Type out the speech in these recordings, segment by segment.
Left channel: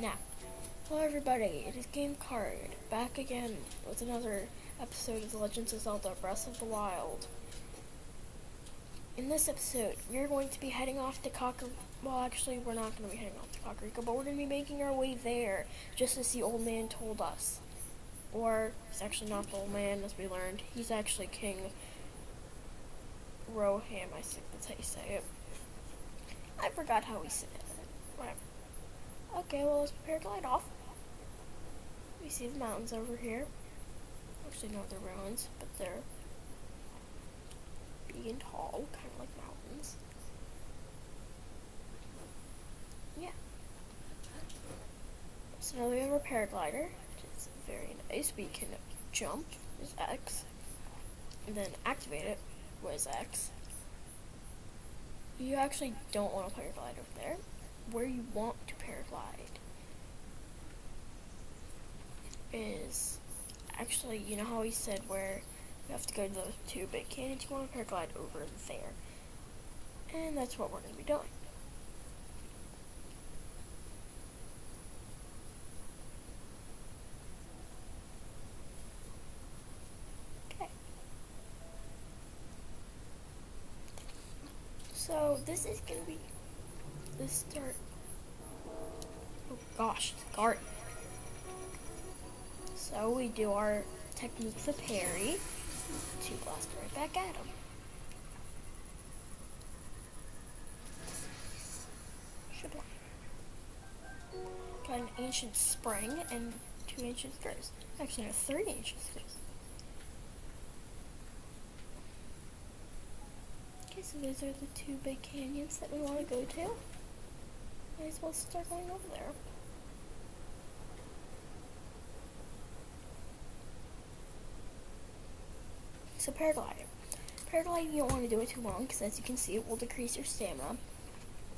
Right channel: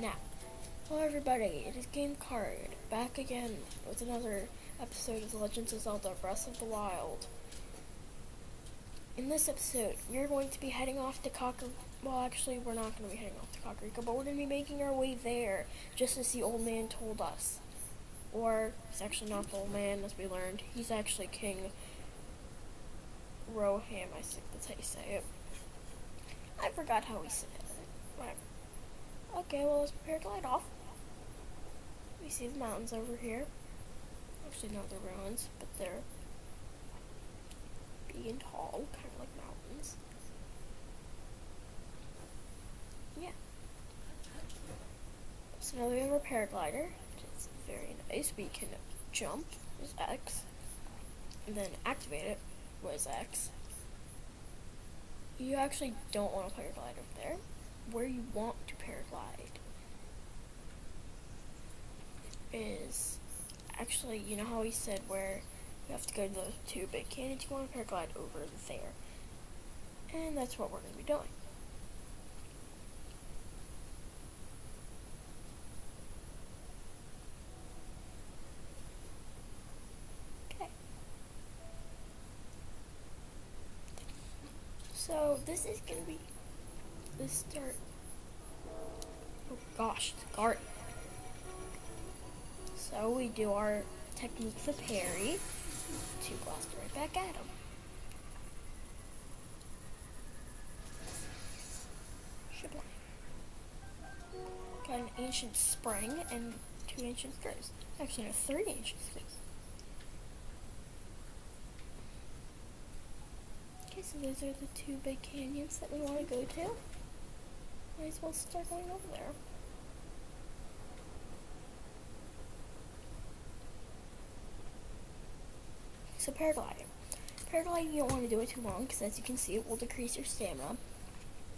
Now, hello everybody, it is Game Card, back again with another episode of The Legends of Zelda Breath of the Wild. In this episode, we are going to be heading off to Kakariko. Well, actually, we're not going to be heading off to Kakariko, but we're going to be making our way there, just as the old man told us. Or, he's actually not the old man, as we learned. He's actually King Roham, I think that's how you say it. I forgot how he said it. Whatever. Okay, well, let's prepare to glide off. We see the mountains over here. Actually, no, they're ruins, but they're big and tall, kind of like mountains. Yeah. So now we have our paraglider, which is very nice. We can jump, is X, and then activate it was X. You actually don't want to paraglide over there. Where you want to paraglide is actually, you know how he said where you have to go to those two big canyons? You want to paraglide over there. And that's what we're going to be doing. Okay. So this is going to be the start. Oh gosh, it's guard. So we do our technique, the parry, to blast right back at him. Sublime. Got an ancient spring and 2 ancient screws. Actually, no, 3 ancient screws. Okay, so those are the 2 big canyons that we want to go to. Might as well start going over there. So paragliding. Paragliding, you don't want to do it too long because, as you can see, it will decrease your stamina.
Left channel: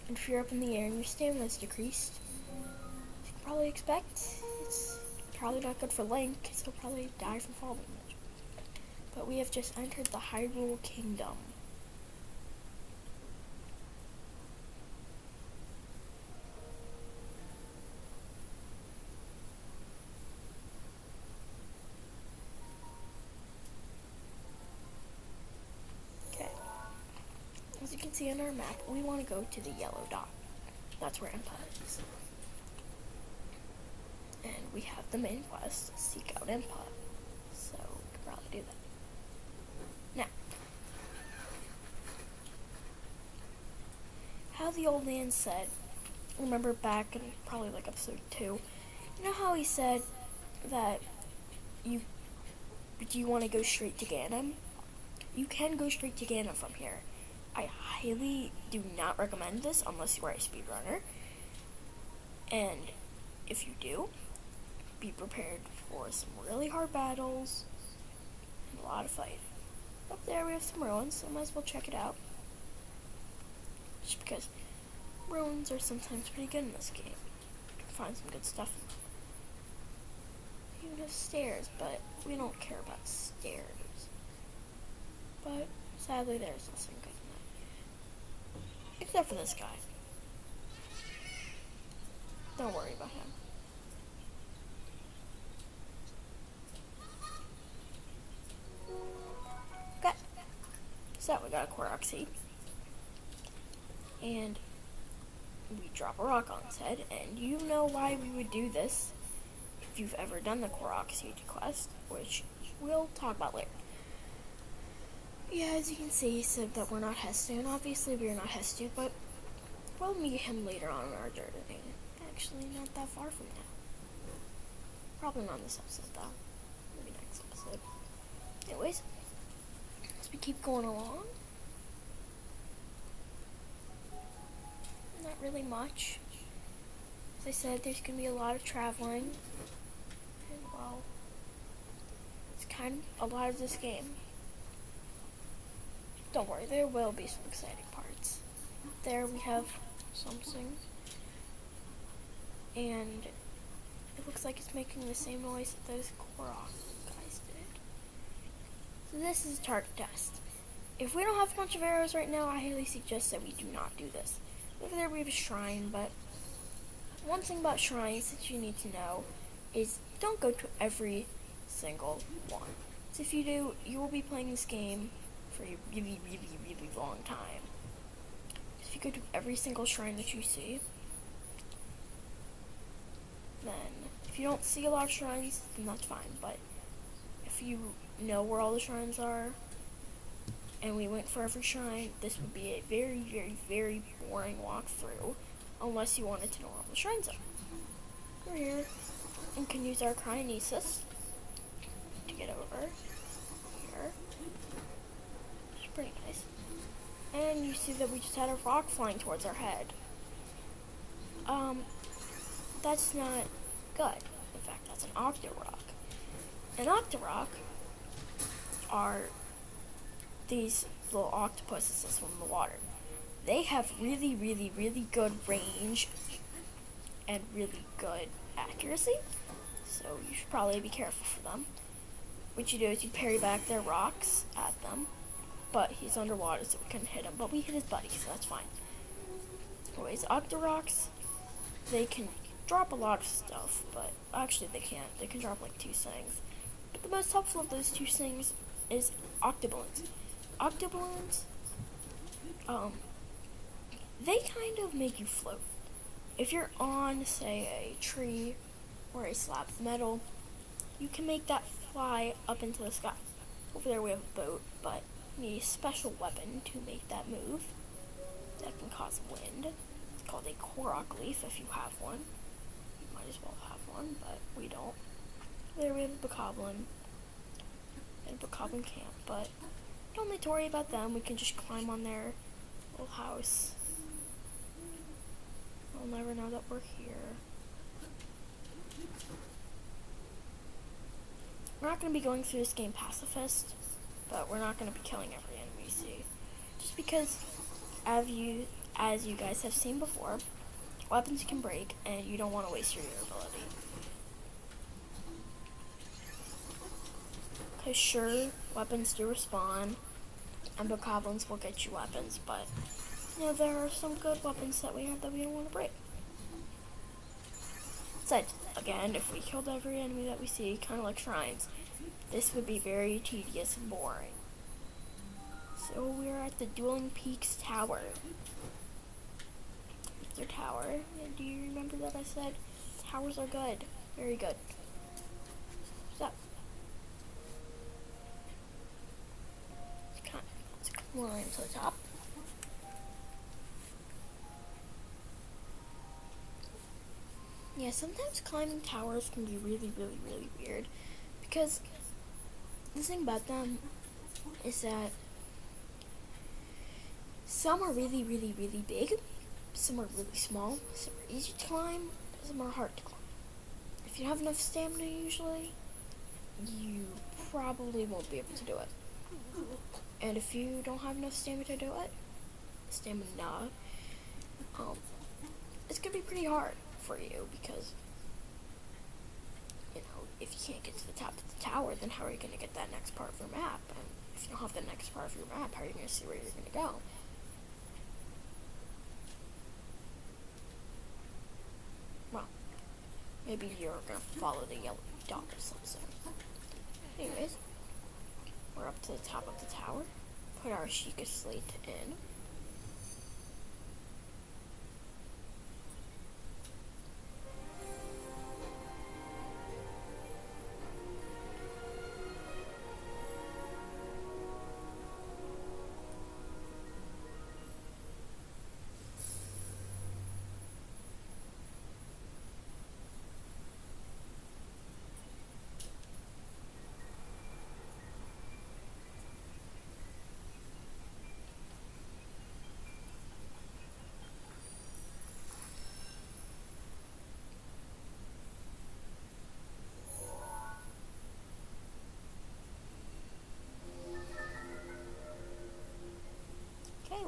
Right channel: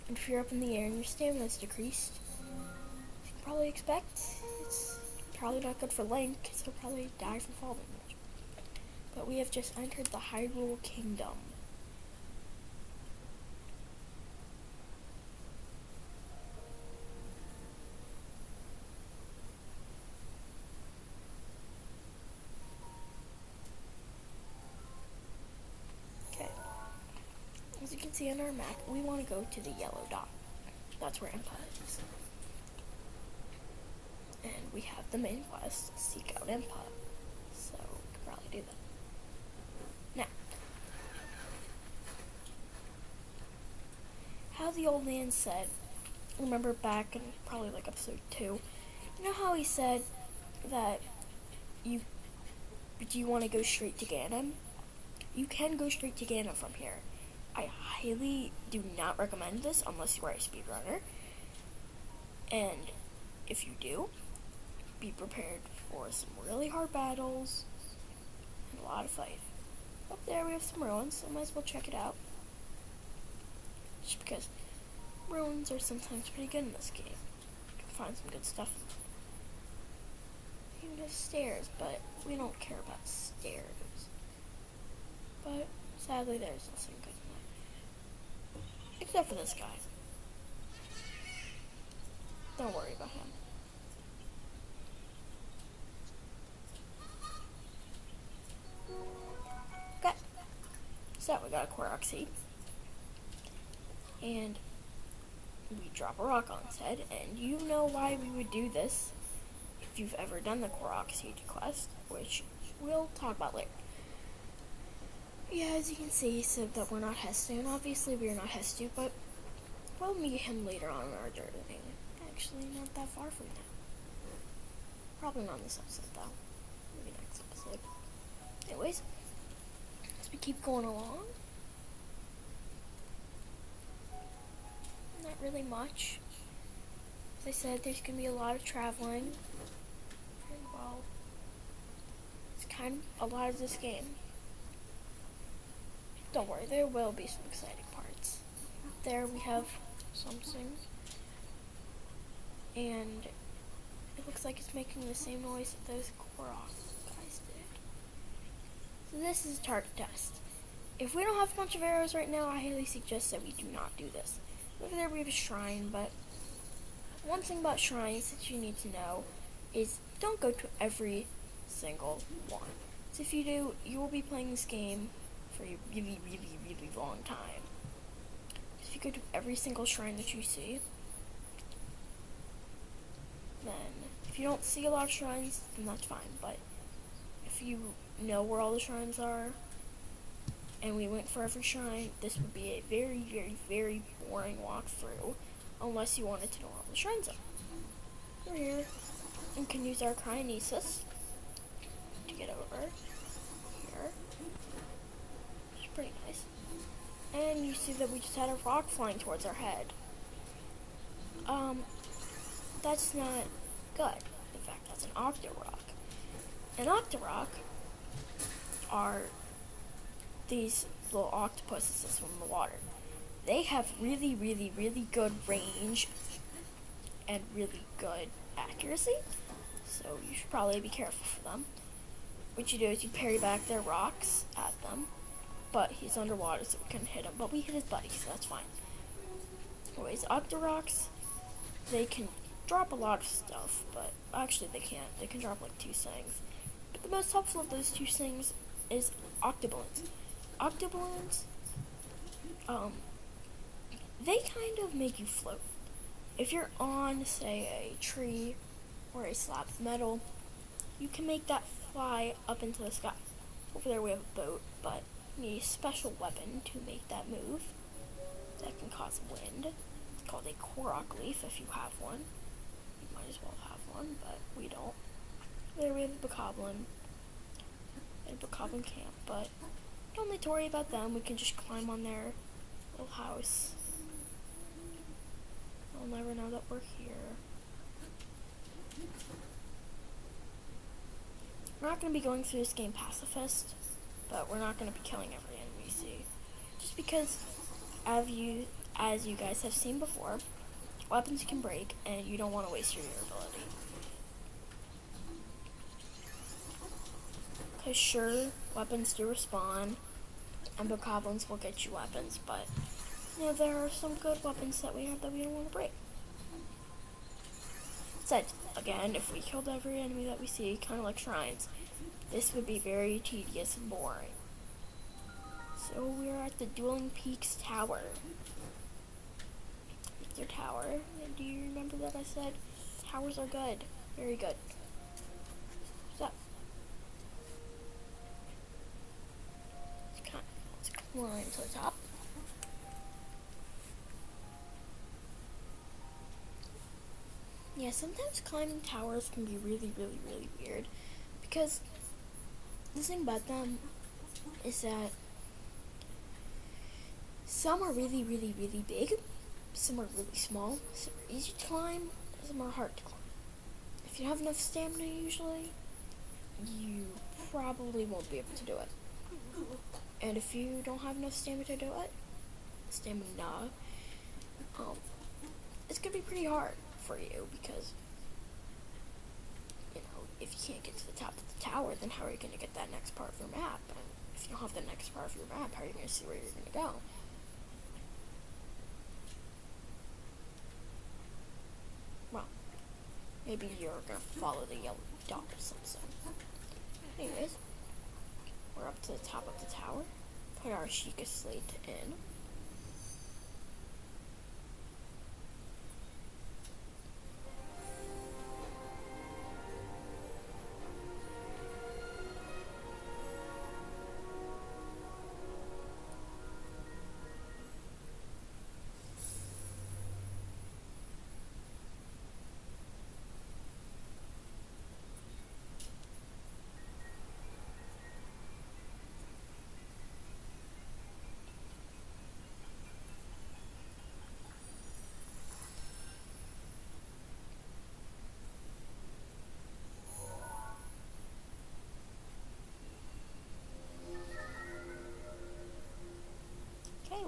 And if you're up in the air and your stamina is decreased, you can probably expect it's probably not good for Link, so he'll probably die from fall damage. But we have just entered the Hyrule Kingdom. Okay. As you can see on our map, we want to go to the yellow dot. That's where Impa is. And we have the main quest, seek out Impa. So we could probably do that. Now, how the old man said, remember back in probably like episode 2, you know how he said that do you want to go straight to Ganon? You can go straight to Ganon from here. I highly do not recommend this unless you are a speedrunner. And if you do, be prepared for some really hard battles and a lot of fighting. Up there we have some ruins, so might as well check it out. Just because ruins are sometimes pretty good in this game. You can find some good stuff in them. You even have stairs, but we don't care about stairs. But sadly there's nothing good in that. Except for this guy. Don't worry about him. Okay. So we got a Korok seed. And we drop a rock on its head, and you know why we would do this if you've ever done the Korok Seed quest, which we'll talk about later. Yeah, as you can see, he said that we're not Hestu. Obviously, we are not Hestu, but we'll meet him later on in our journey. Actually, not that far from now. Probably not in this episode, though. Maybe next episode. Anyways, as we keep going along, not really much. As I said, there's going to be a lot of traveling. And, well, it's kind of a lot of this game. Don't worry, there will be some exciting parts. There we have something. And it looks like it's making the same noise that those Korok guys did. So this is a target test. If we don't have a bunch of arrows right now, I highly suggest that we do not do this. Over there we have a shrine, but one thing about shrines that you need to know is don't go to every single one. So if you do, you will be playing this game for a really, really, really long time. If you go to every single shrine that you see, then if you don't see a lot of shrines, then that's fine. But if you know where all the shrines are, and we went for every shrine, this would be a very, very, very boring walkthrough, unless you wanted to know where all the shrines are. We're here, and can use our cryonesis to get over here, which is pretty nice. And you see that we just had a rock flying towards our head. That's not good. In fact, that's an Octorok. An Octorok are these little octopuses that swim in the water. They have really, really, really good range and really good accuracy, so you should probably be careful for them. What you do is you parry back their rocks at them, but he's underwater so we couldn't hit him, but we hit his buddy, so that's fine. Anyways, Octoroks, they can drop a lot of stuff, but actually they can't. They can drop like 2 things. But the most helpful of those 2 things is Octoballoons. Octoballoons, they kind of make you float. If you're on, say, a tree or a slab of metal, you can make that fly up into the sky. Over there we have a boat, but you need a special weapon to make that move. That can cause wind. It's called a Korok leaf if you have one. You might as well have one, but we don't. There we have a Bokoblin and a Bokoblin camp, but don't need to worry about them. We can just climb on their little house. They'll never know that we're here. We're not going to be going through this game pacifist, but we're not going to be killing every enemy we see. Just because, as you guys have seen before, weapons can break, and you don't want to waste your durability. Because sure, weapons do respawn, and Bokoblins will get you weapons, but there are some good weapons that we have that we don't want to break. Besides, again, if we killed every enemy that we see, kind of like shrines, this would be very tedious and boring. So we're at the Dueling Peaks Tower. It's their tower. And do you remember that I said towers are good? Very good. So, let's climb to the top. Yeah, sometimes climbing towers can be really, really, really weird, because the thing about them is that some are really, really, really big, some are really small, some are easy to climb, some are hard to climb. If you have enough stamina usually, you probably won't be able to do it. And if you don't have enough stamina to do it, it's going to be pretty hard for you, because if you can't get to the top of the tower, then how are you going to get that next part of your map? And if you don't have the next part of your map, how are you going to see where you're going to go? Well, maybe you're going to follow the yellow dot or something. Anyways, we're up to the top of the tower. Put our Sheikah Slate in.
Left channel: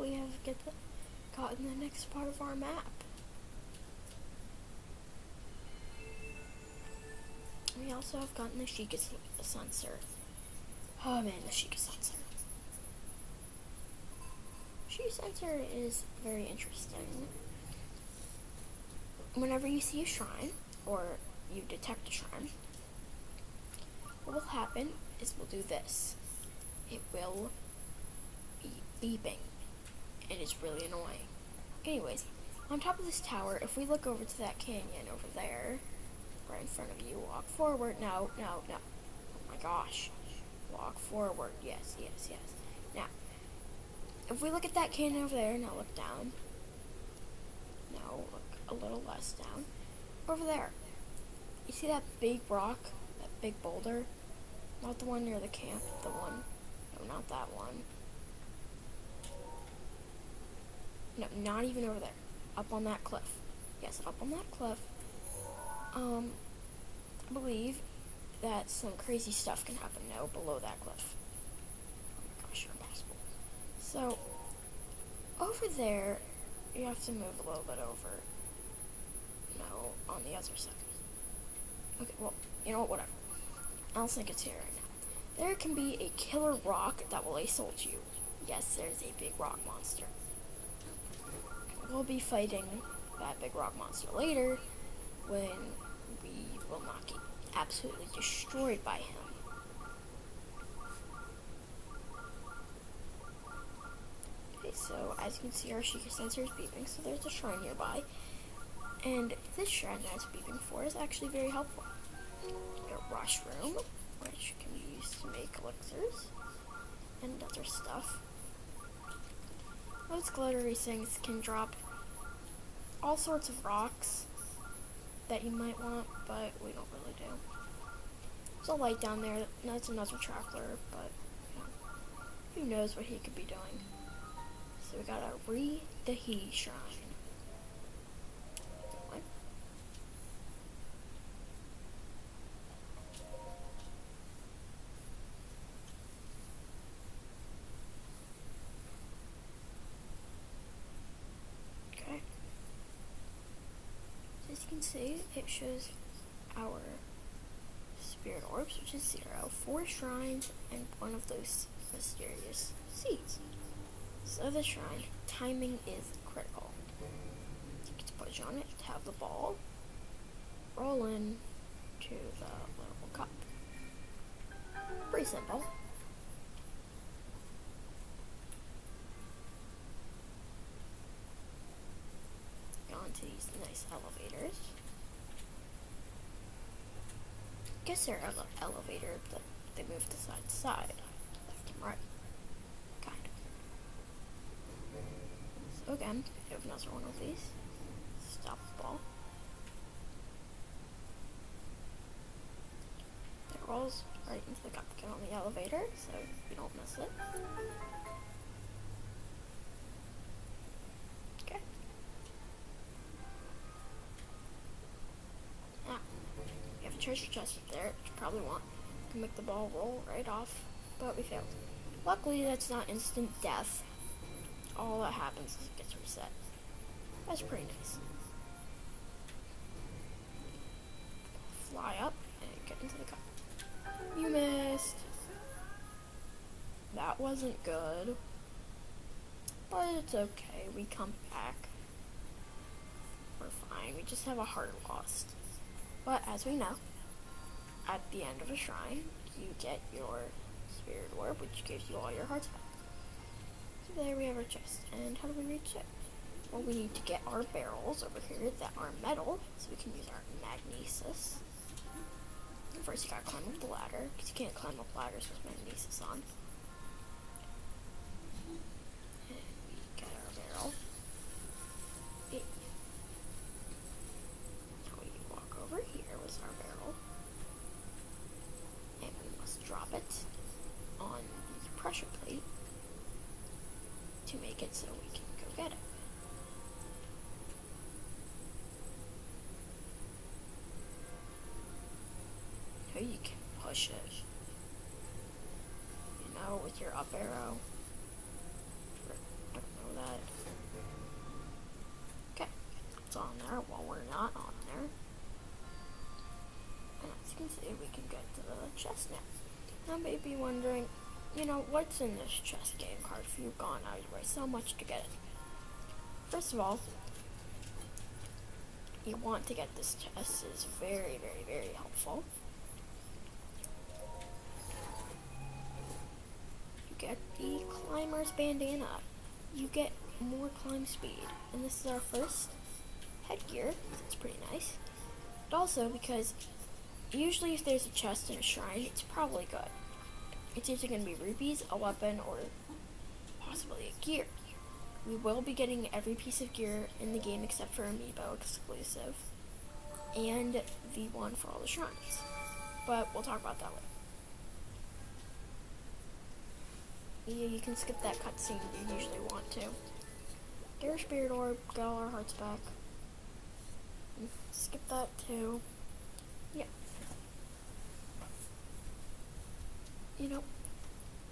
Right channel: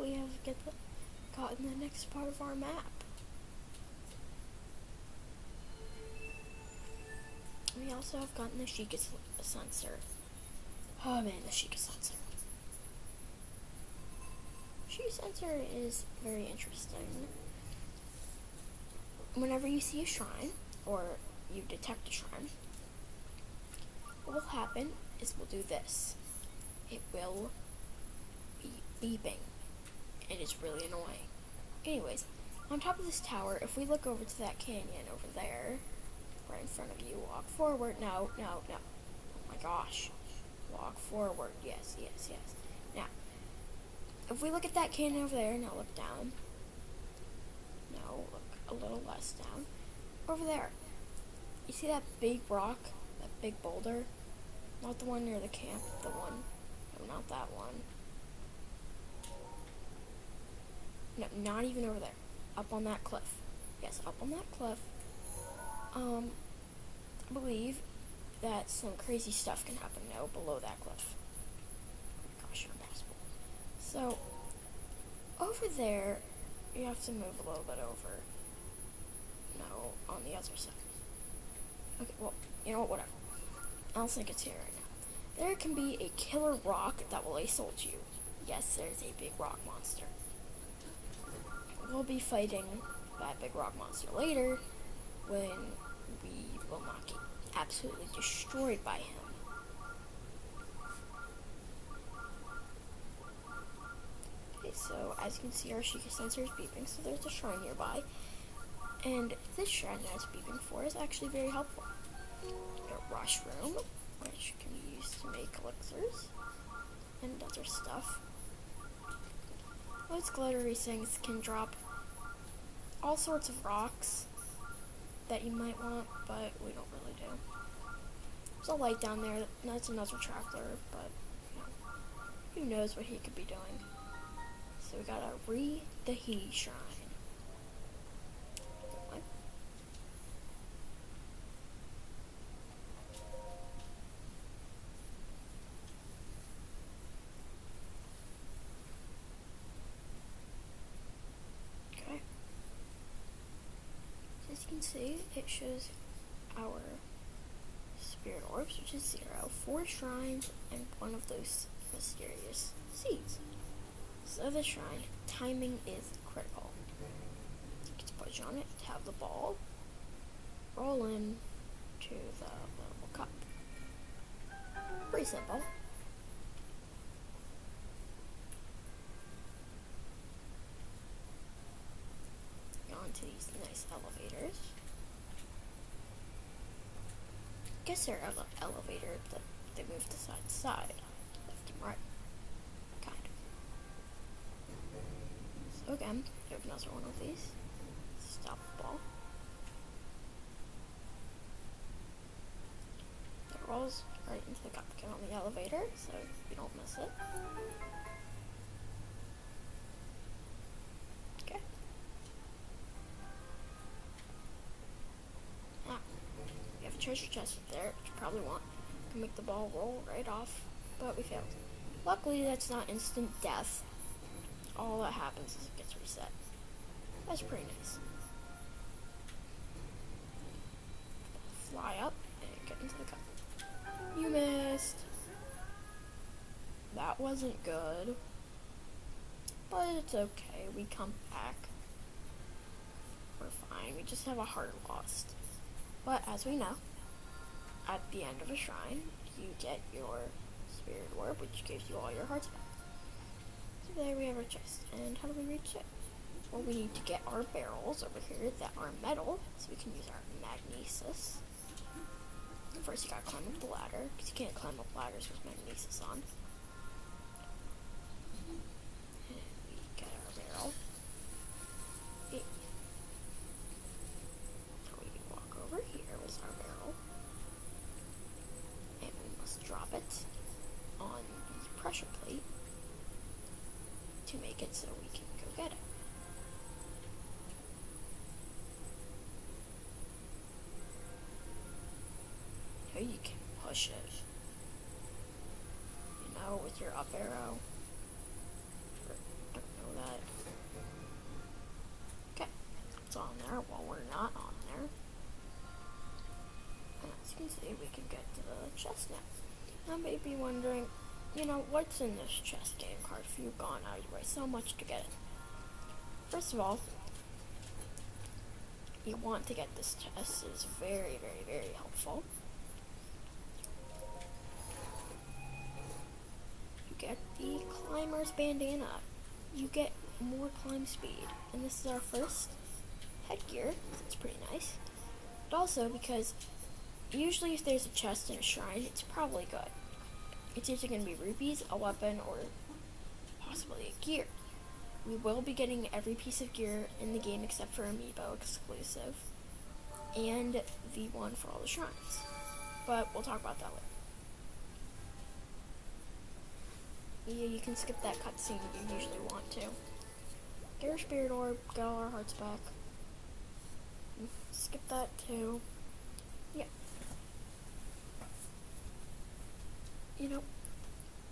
We have gotten the next part of our map. We also have gotten the Sheikah sensor. Oh man, the Sheikah sensor. Sheikah sensor is very interesting. whenever you see a shrine, or you detect a shrine, what will happen is we'll do this. It will be beeping. It is really annoying. Anyways, on top of this tower, if we look over to that canyon over there, right in front of you, walk forward. No, no, no. Oh my gosh. Walk forward. Yes, yes, yes. Now, if we look at that canyon over there, now look down. No, look a little less down. Over there. You see that big rock? That big boulder? Not the one near the camp. The one. No, not that one. No, not even over there. Up on that cliff. Yes, up on that cliff. I believe that some crazy stuff can happen now below that cliff. Oh my gosh, you're impossible. So, over there, you have to move a little bit over. No, on the other side. Okay, well, you know what, whatever. I don't think it's here right now. There can be a killer rock that will assault you. Yes, there's a big rock monster. We'll be fighting that big rock monster later when we will not get absolutely destroyed by him. Okay, so as you can see, our Sheikah sensor is beeping, so there's a shrine nearby. And this shrine that it's beeping for is actually very helpful. A rush room, which can be used to make elixirs and other stuff. Those glittery things can drop all sorts of rocks that you might want, but we don't really do. There's a light down there, that's another traveler, but you know, who knows what he could be doing. So we got a Re-Dahi shrine. What? Okay. So as you can see, it shows our spirit orbs, which is 0, 4 shrines, and one of those mysterious seeds. So the shrine, timing is critical. You get to push on it to have the ball roll in to the little cup. Pretty simple. Onto these nice elevators. I guess they're elevators, but they move to side to side, left and right. Kind of. So again, we have another one of these. Stop the ball. It rolls right into the cup. Get on the elevator so you don't miss it. Okay. Now, we have a treasure chest up there, which you probably want. Can make the ball roll right off, but we failed. Luckily, that's not instant death. All that happens is it gets reset. That's pretty nice. Fly up and get into the cup. You missed. That wasn't good. But it's okay. We come back. We're fine. We just have a heart lost. But as we know, at the end of a shrine, you get your spirit orb, which gives you all your hearts back. So there we have our chest. And how do we reach it? Well, we need to get our barrels over here that are metal, so we can use our magnesis. First, you gotta climb up the ladder, because you can't climb up ladders with magnesis on. And we get our barrel. Now we walk over here with our barrel. And we must drop it on the pressure plate to make it so we can go get it. You can push it, you know, with your up arrow. Don't know that. Okay, it's on there while we're not on there. And as you can see, we can get to the chest now. Now, may be wondering, you know, what's in this chest game card if you've gone out of your way so much to get it? First of all, you want to get this chest. It's very, very, very helpful. You get the climber's bandana. You get more climb speed. And this is our first headgear. So it's pretty nice. But also because usually if there's a chest in a shrine, it's probably good. It's either going to be rupees, a weapon, or possibly a gear. We will be getting every piece of gear in the game except for Amiibo exclusive. And the one for all the shrines. But we'll talk about that later. Yeah, you can skip that cutscene if you usually want to. Get our spirit orb, get all our hearts back. Skip that too. Yeah. You know,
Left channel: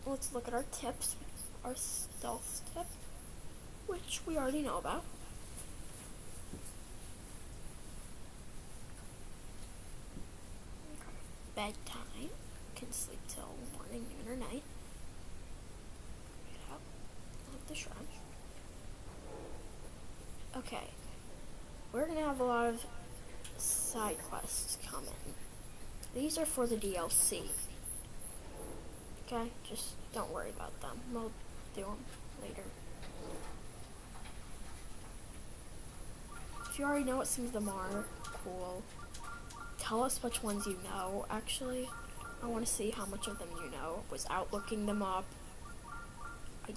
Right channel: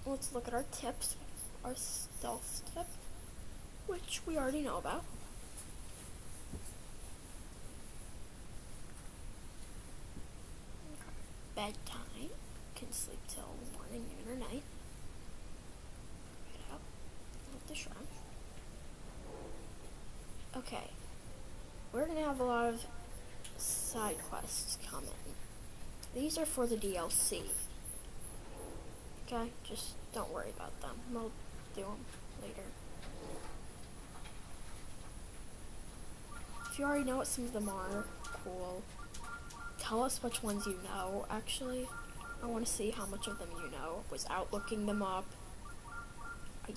let's look at our tips. Our stealth tip, which we already know about. Bedtime. Can sleep till morning, noon, or night. Get out of the shrine. Okay. We're gonna have a lot of side quests coming. These are for the DLC. Okay, just don't worry about them. We'll do them later. If you already know what some of them are, cool. Tell us which ones you know, actually. I want to see how much of them you know without looking them up. I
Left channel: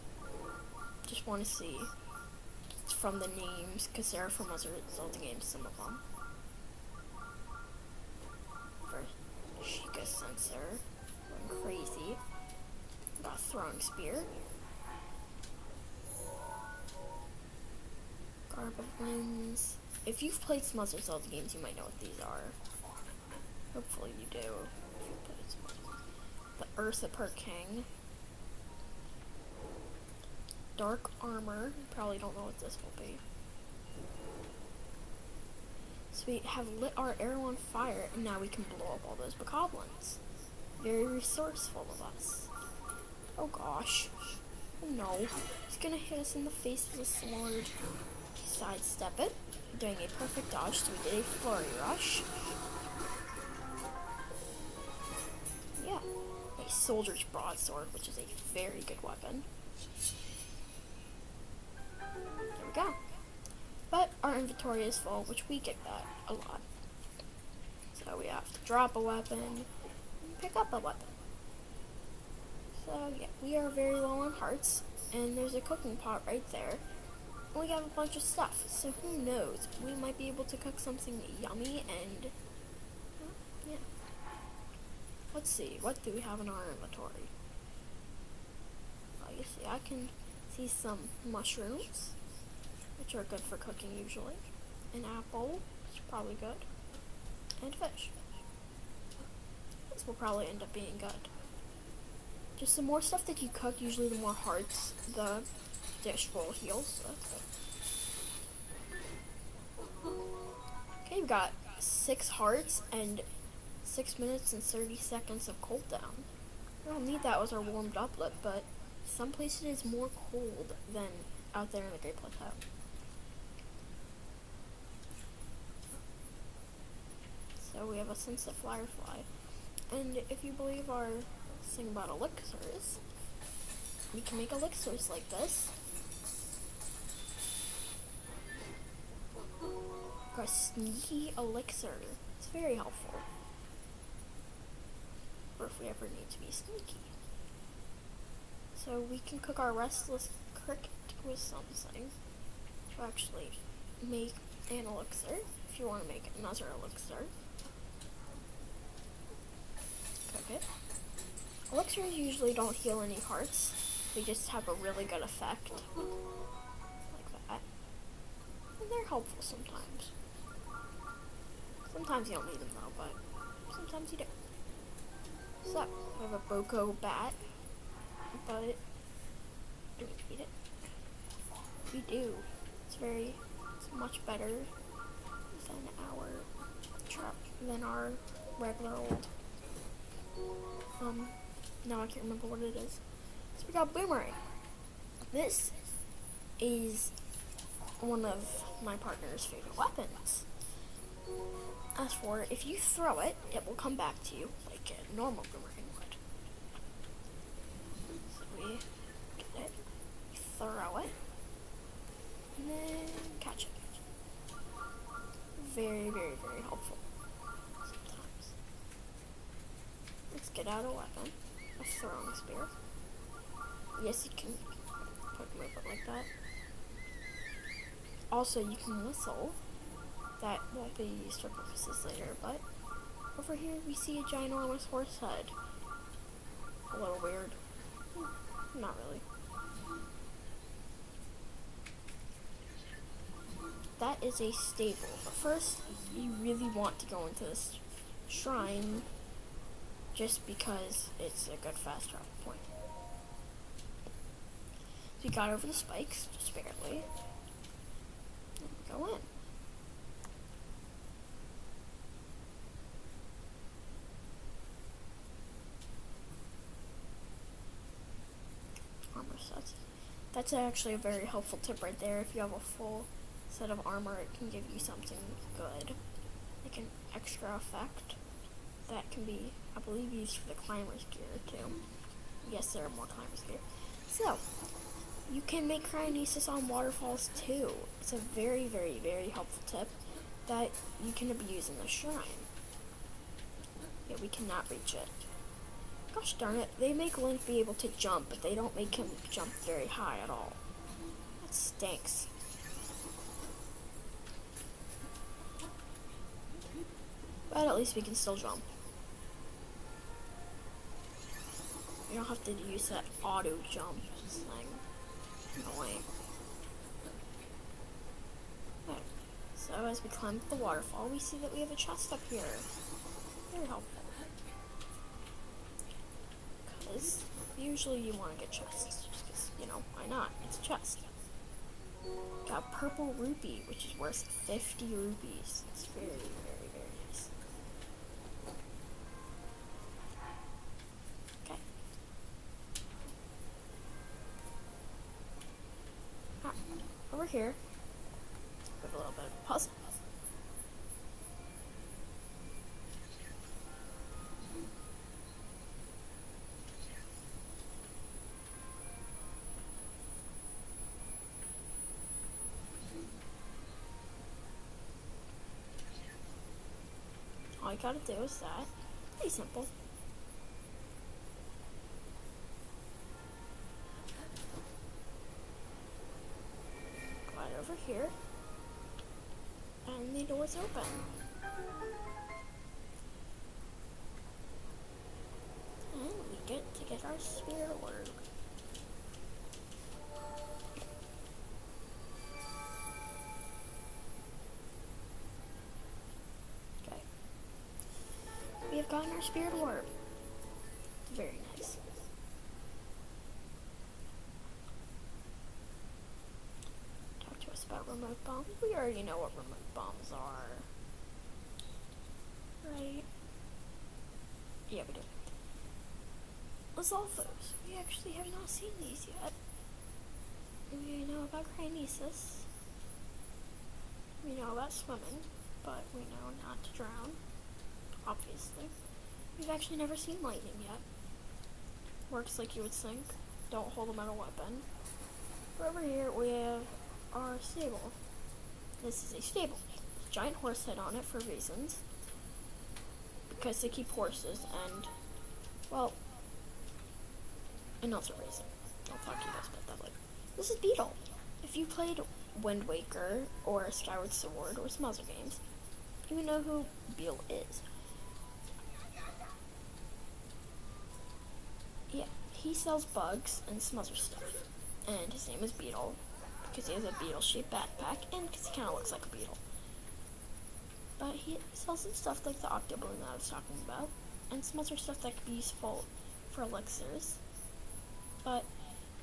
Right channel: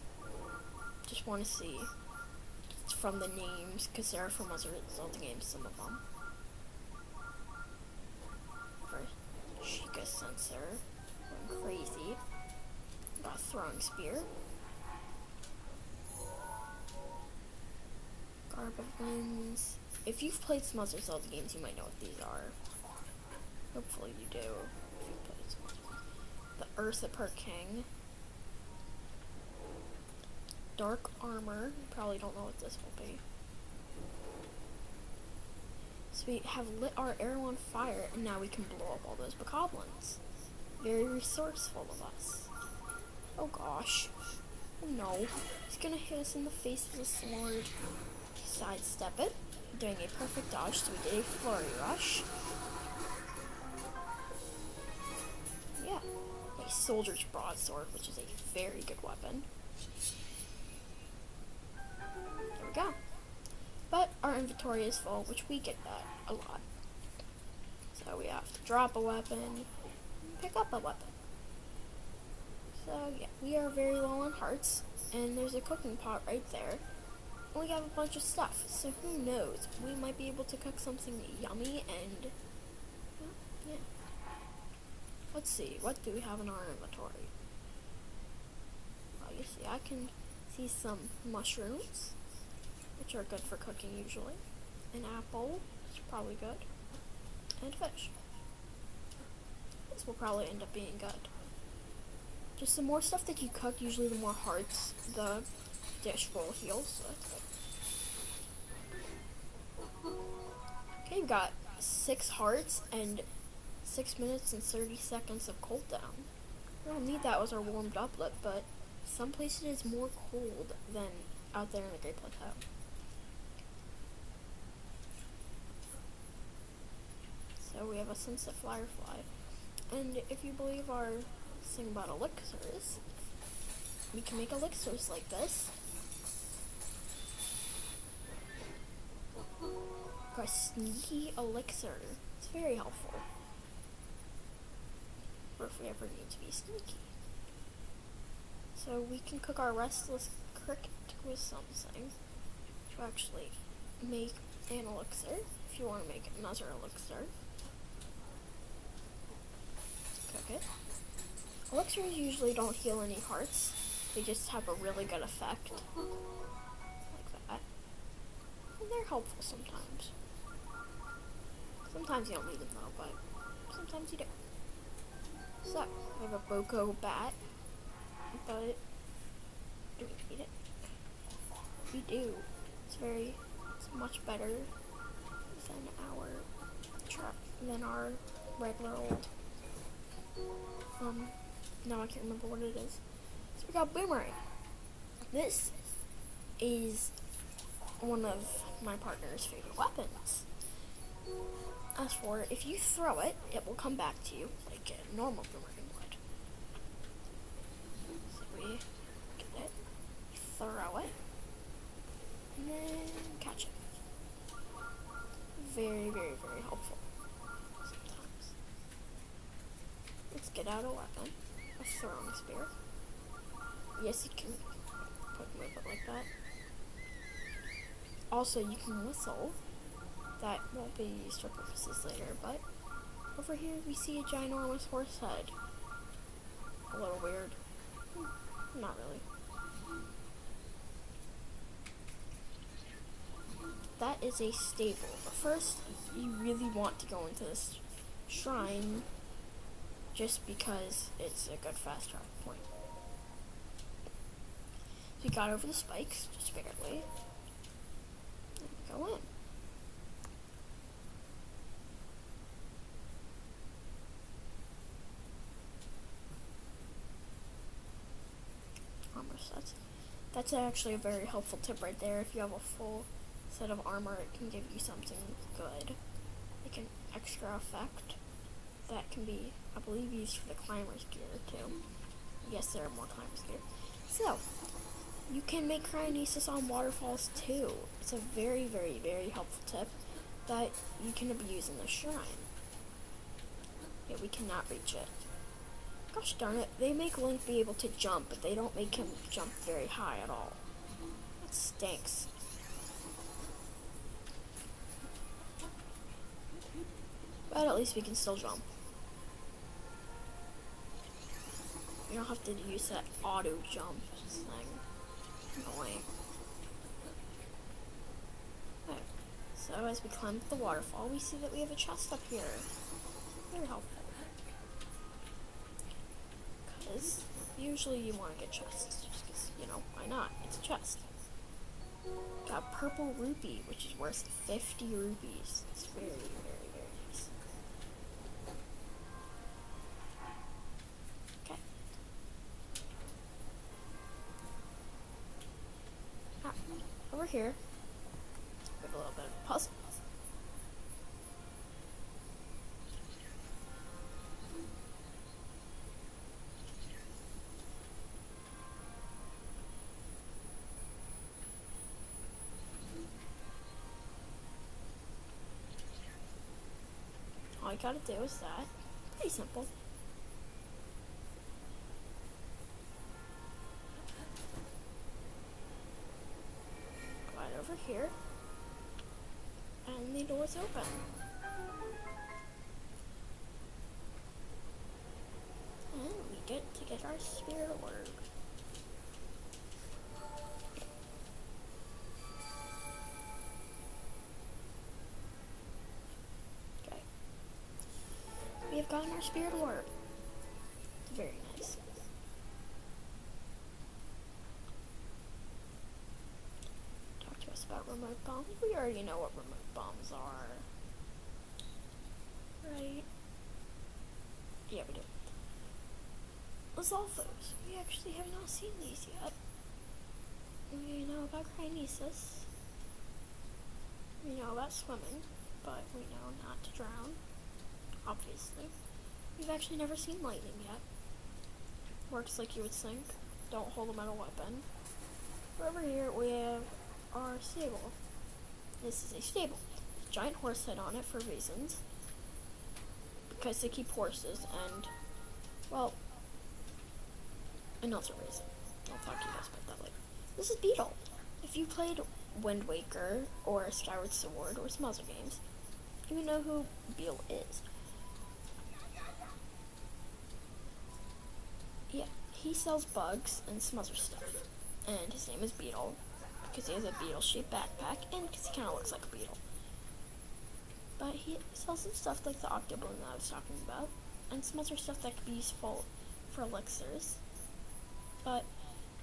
just want to see from the names, because they're from other Zelda games, some of them. For Sheikah Sensor, going crazy. Got a throwing spear. Garb of Winds. If you've played some other Zelda games, you might know what these are. Hopefully you do. If you've played some other ones. The Urshippur King. Dark Armor. You probably don't know what this will be. So we have lit our arrow on fire, and now we can blow up all those bokoblins. Very resourceful of us. Oh gosh. Oh no. He's gonna hit us in the face with a sword. Sidestep it. Doing a perfect dodge, so we did a flurry rush. Yeah. A soldier's broadsword, which is a very good weapon. There we go. But our inventory is full, which we get that a lot. So we have to drop a weapon and pick up a weapon. So yeah, we are very low on hearts, and there's a cooking pot right there. And we have a bunch of stuff, so who knows? We might be able to cook something yummy and yeah. Let's see, what do we have in our inventory? Well, you see, I can see some mushrooms, which are good for cooking usually. An apple, which is probably good. And fish. This will probably end up being good. Just the more stuff that you cook, usually the more hearts the dish will heal, so that's good. Okay, we've got 6 hearts and 6 minutes and 30 seconds of cooldown. We don't need that as our warmed uplet, but some places it's more cold than out there in the Great Plateau. So we have a Sunset Firefly. And if you believe our thing about elixirs, we can make elixirs like this. Got a sneaky elixir. It's very helpful. Or if we ever need to be sneaky. So we can cook our restless cricket with something to actually make an elixir. If you want to make another elixir, cook it. Elixirs usually don't heal any hearts. They just have a really good effect. Like that. And they're helpful sometimes. Sometimes you don't need them though, but sometimes you do. So, I have a Boko bat, but do we need it? We do. It's much better than our regular old. Now I can't remember what it is. So we got Boomerang. This is one of my partner's favorite weapons. As for if you throw it, it will come back to you like a normal boomerang would. So we get it, throw it, and then catch it. Very, very, very helpful sometimes. Let's get out a weapon, a throwing spear. Yes, you can move it like that. Also, you can whistle. That won't be used for purposes later, but over here we see a ginormous horse head. A little weird. Not really. That is a stable. But first, you really want to go into this shrine just because it's a good fast travel point. So we got over the spikes, just barely. And we go in. Armor sets. That's actually a very helpful tip right there. If you have a full set of armor, it can give you something good. Like an extra effect that can be, I believe, used for the climber's gear too. Yes, there are more climber's gear. So, you can make cryonesis on waterfalls too. It's a very, very, very helpful tip that you can abuse in the shrine. Yeah, we cannot reach it. Gosh darn it, they make Link be able to jump, but they don't make him jump very high at all. That stinks. But at least we can still jump. You don't have to use that auto jump thing. Annoying. There. So as we climb up the waterfall, we see that we have a chest up here. Very helpful. Because usually you want to get chests, just because, you know, why not? It's a chest. Got a purple rupee, which is worth 50 rupees. It's very, very, very nice. Okay. Over here, we have a little bit of a puzzle. All you gotta do is that. Pretty simple. Glide over here. And the door's open. And we get to get our spirit orb. Okay. We have gotten our spirit orb. It's very nice. Talk to us about remote bombs. We already know what remote bombs are. Right? Yeah, we do. Lizalfos. We actually have not seen these yet. We know about cryonesis. We know about swimming, but we know not to drown. Obviously. We've actually never seen lightning yet. Works like you would think. Don't hold a metal weapon. Over here we have our stable. This is a stable. There's a giant horse head on it for reasons. Because they keep horses and, well, another reason. I'll talk to you guys about that later. This is Beetle. If you played Wind Waker or Skyward Sword or some other games, you would know who Beetle is. Yeah, he sells bugs and some other stuff. And his name is Beetle because he has a beetle-shaped backpack and because he kind of looks like a beetle. But he sells some stuff like the Octoballoon that I was talking about and some other stuff that could be useful for elixirs. But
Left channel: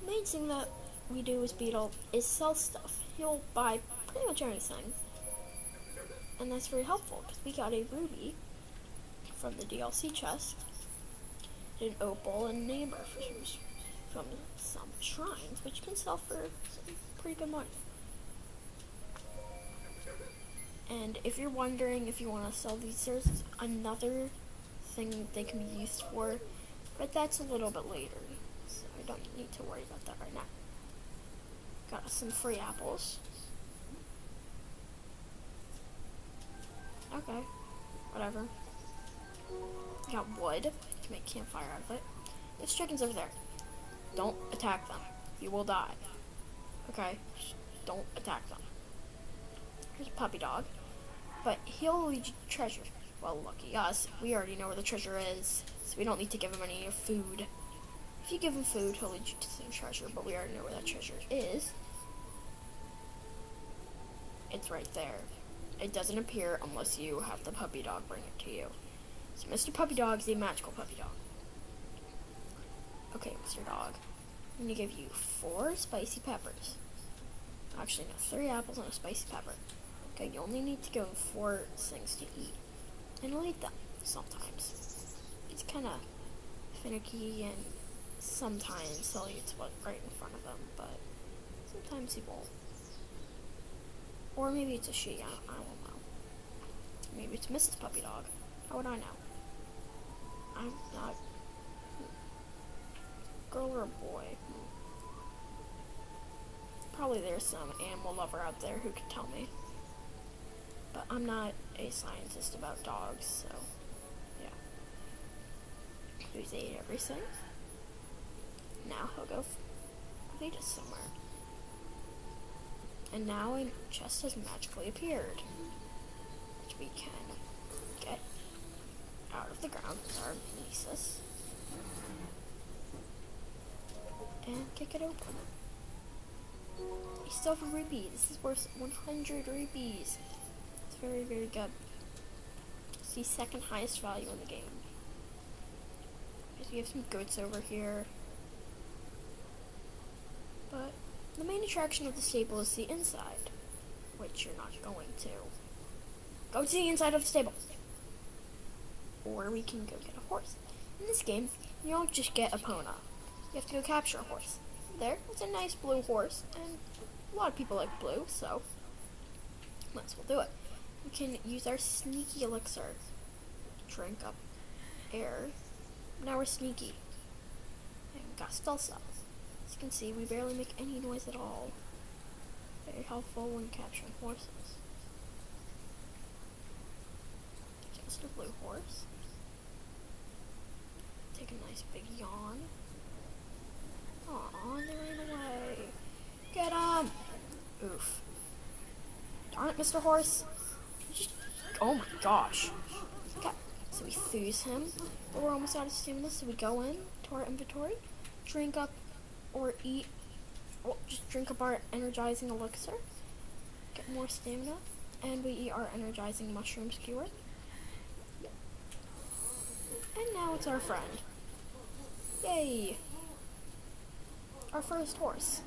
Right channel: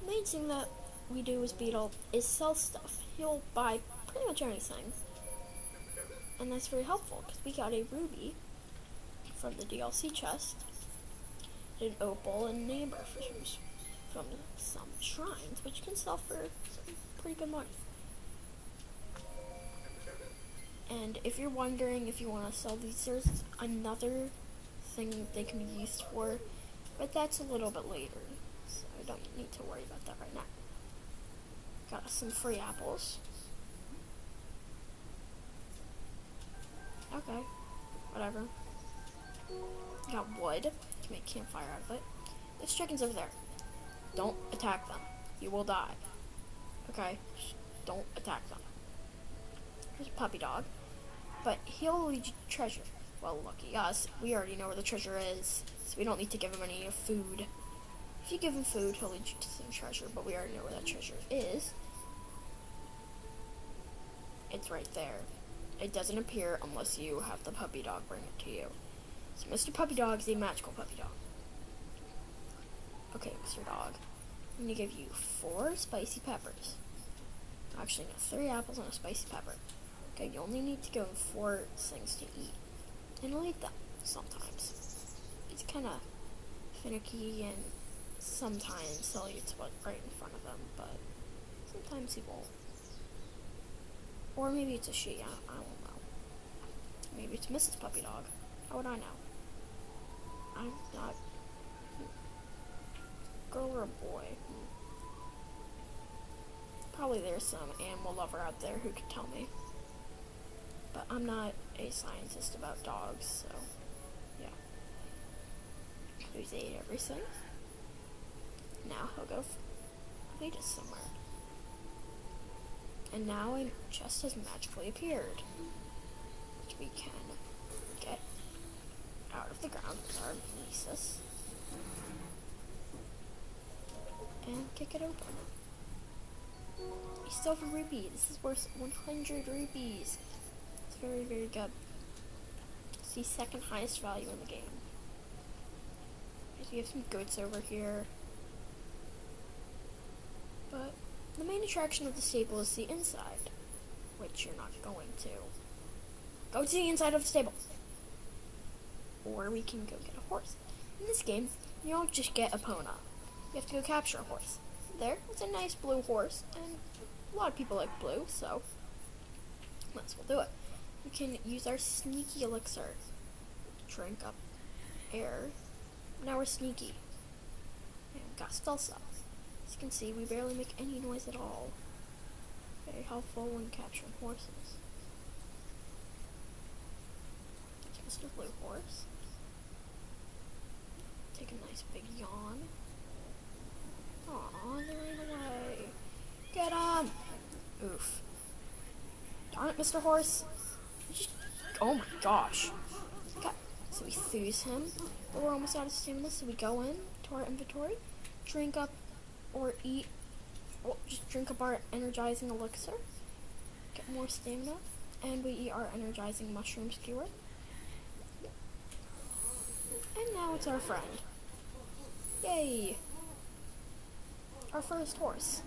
the main thing that we do as Beetle is sell stuff. He'll buy pretty much anything. And that's very helpful because we got a ruby from the DLC chest, an opal, and an amber from some shrines, which can sell for some pretty good money. And if you're wondering if you want to sell these, there's another thing they can be used for, but that's a little bit later, so I don't need to worry about that right now. Got us some free apples. Okay, whatever. Got wood. Can make campfire out of it. There's chickens over there. Don't attack them. You will die. Okay? Just don't attack them. Here's a puppy dog. But he'll lead you to treasure. Well, lucky us. We already know where the treasure is, so we don't need to give him any food. If you give him food, he'll lead you to some treasure, but we already know where that treasure is. It's right there. It doesn't appear unless you have the puppy dog bring it to you. So Mr. Puppy Dog is a magical puppy dog. Okay, Mr. Dog. I'm going to give you 4 spicy peppers. Actually, no, 3 apples and a spicy pepper. Okay, you only need to give him 4 things to eat. And he'll eat them sometimes. He's kind of finicky, and sometimes he'll eat what's right in front of him, but sometimes he won't. Or maybe it's a she, I don't know. Maybe it's Mrs. Puppy Dog. How would I know? I'm not... Girl or a boy? Probably there's some animal lover out there who could tell me. But I'm not a scientist about dogs, so... yeah. He's ate everything. Now he'll go feed us somewhere. And now a chest has magically appeared, which we can get out of the ground with our Nesis and kick it open. We still have a rupee. This is worth 100 rupees. It's very, very good. It's the second highest value in the game. We have some goats over here. But the main attraction of the stable is the inside, which you're not going to. Go to the inside of the stable. Or we can go get a horse. In this game, you don't just get a Epona. You have to go capture a horse. There, it's a nice blue horse, and a lot of people like blue, so might as well do it. We can use our sneaky elixir. Drink up air. Now we're sneaky. And we got stealth up. As you can see, we barely make any noise at all. Very helpful when capturing horses. There's Mr. Blue Horse. Take a nice big yawn. Aw, they ran away. Get him! Oof. Darn it, Mr. Horse. Oh my gosh. Okay, so we fuse him, but we're almost out of stamina, so we go in to our inventory, drink up or eat, well, just drink up our energizing elixir, get more stamina, and we eat our energizing mushroom skewer. And now it's our friend. Yay! Our first horse.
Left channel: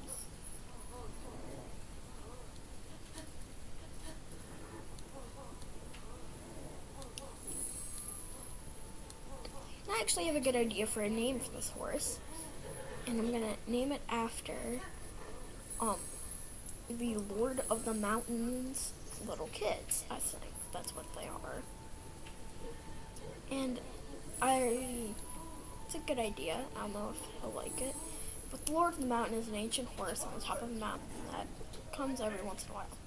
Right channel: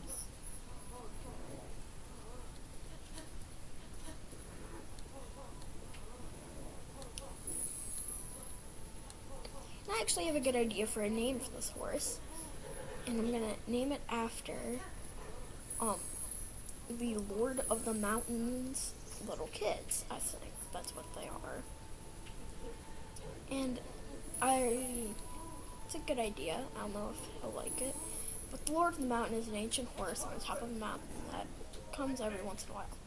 I actually have a good idea for a name for this horse. And I'm gonna name it after the Lord of the Mountains little kids, I think. That's what they are. And it's a good idea. I don't know if he'll like it. But the Lord of the Mountain is an ancient horse on the top of a mountain that comes every once in a while.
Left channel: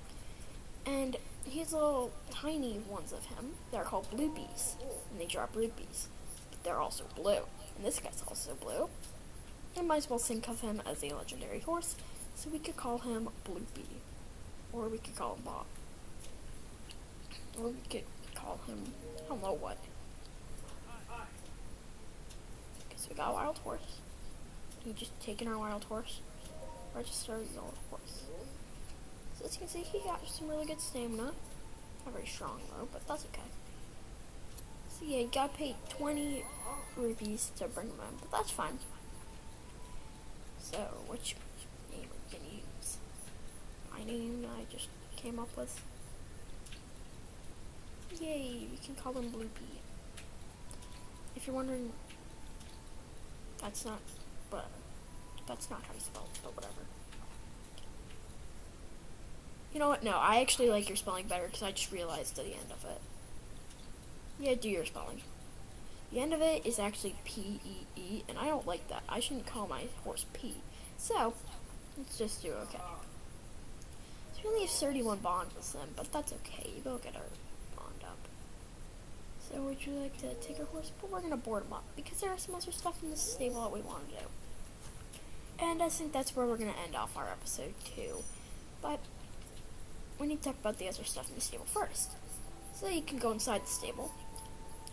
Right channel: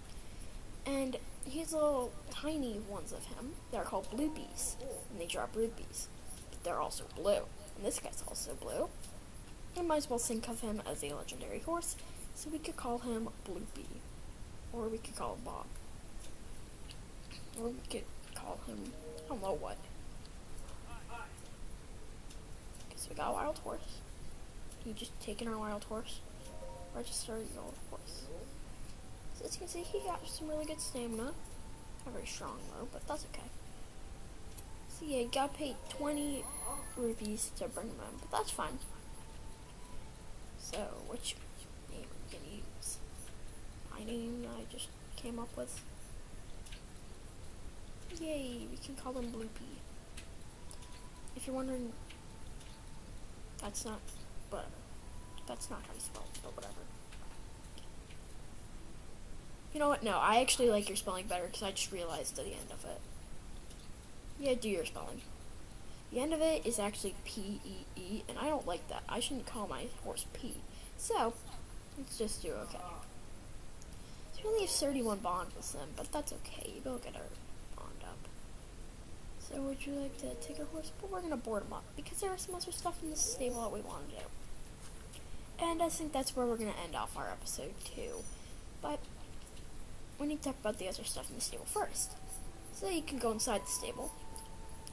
And he's little tiny ones of him. They're called bluebees. And they drop rupees. But they're also blue. And this guy's also blue. I might as well think of him as a legendary horse, so we could call him Bloopy. Or we could call him Bob. Or we could call him, I don't know what. Okay, so we got a wild horse. You just taking our wild horse. Register your horse. So as you can see, he got some really good stamina. Not very strong though, but that's okay. So yeah, you gotta pay 20 rupees to bring him in, but that's fine. So, which name are we gonna use? My name I just came up with. Yay, we can call him Bloopy. If you're wondering, that's not how you spell it, but whatever. You know what? No, I actually like your spelling better because I just realized at the end of it. Yeah, do your spelling. The end of it is actually P-E-E, and I don't like that. I shouldn't call my horse P. So, let's just do okay. So we only have 31 bond with them, but that's okay. We'll get our bond up. So would you like to take our horse? But we're going to board them up because there are some other stuff in the stable that we want to do. And I think that's where we're going to end off our episode 2. But we need to talk about the other stuff in the stable first. So you can go inside the stable,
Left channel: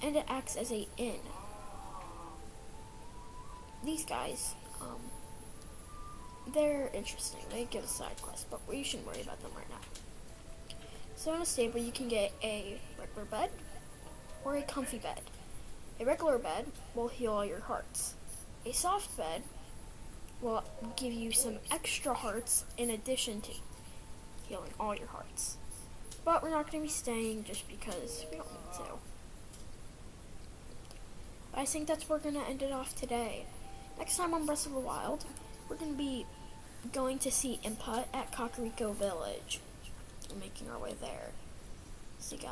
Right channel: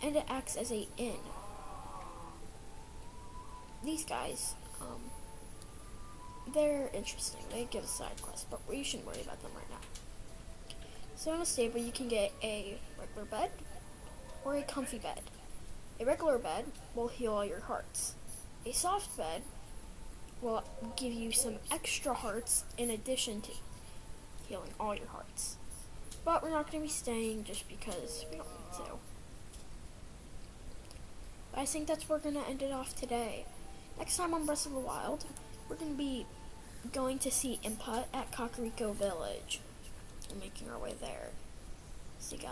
and it acts as a inn. These guys, they're interesting. They give us side quests, but we shouldn't worry about them right now. So in a stable, you can get a regular bed or a comfy bed. A regular bed will heal all your hearts. A soft bed will give you some extra hearts in addition to healing all your hearts. But we're not going to be staying just because we don't need to. But I think that's where we're going to end it off today. Next time on Breath of the Wild, we're going to be going to see Impa at Kakariko Village. We're making our way there. See you guys.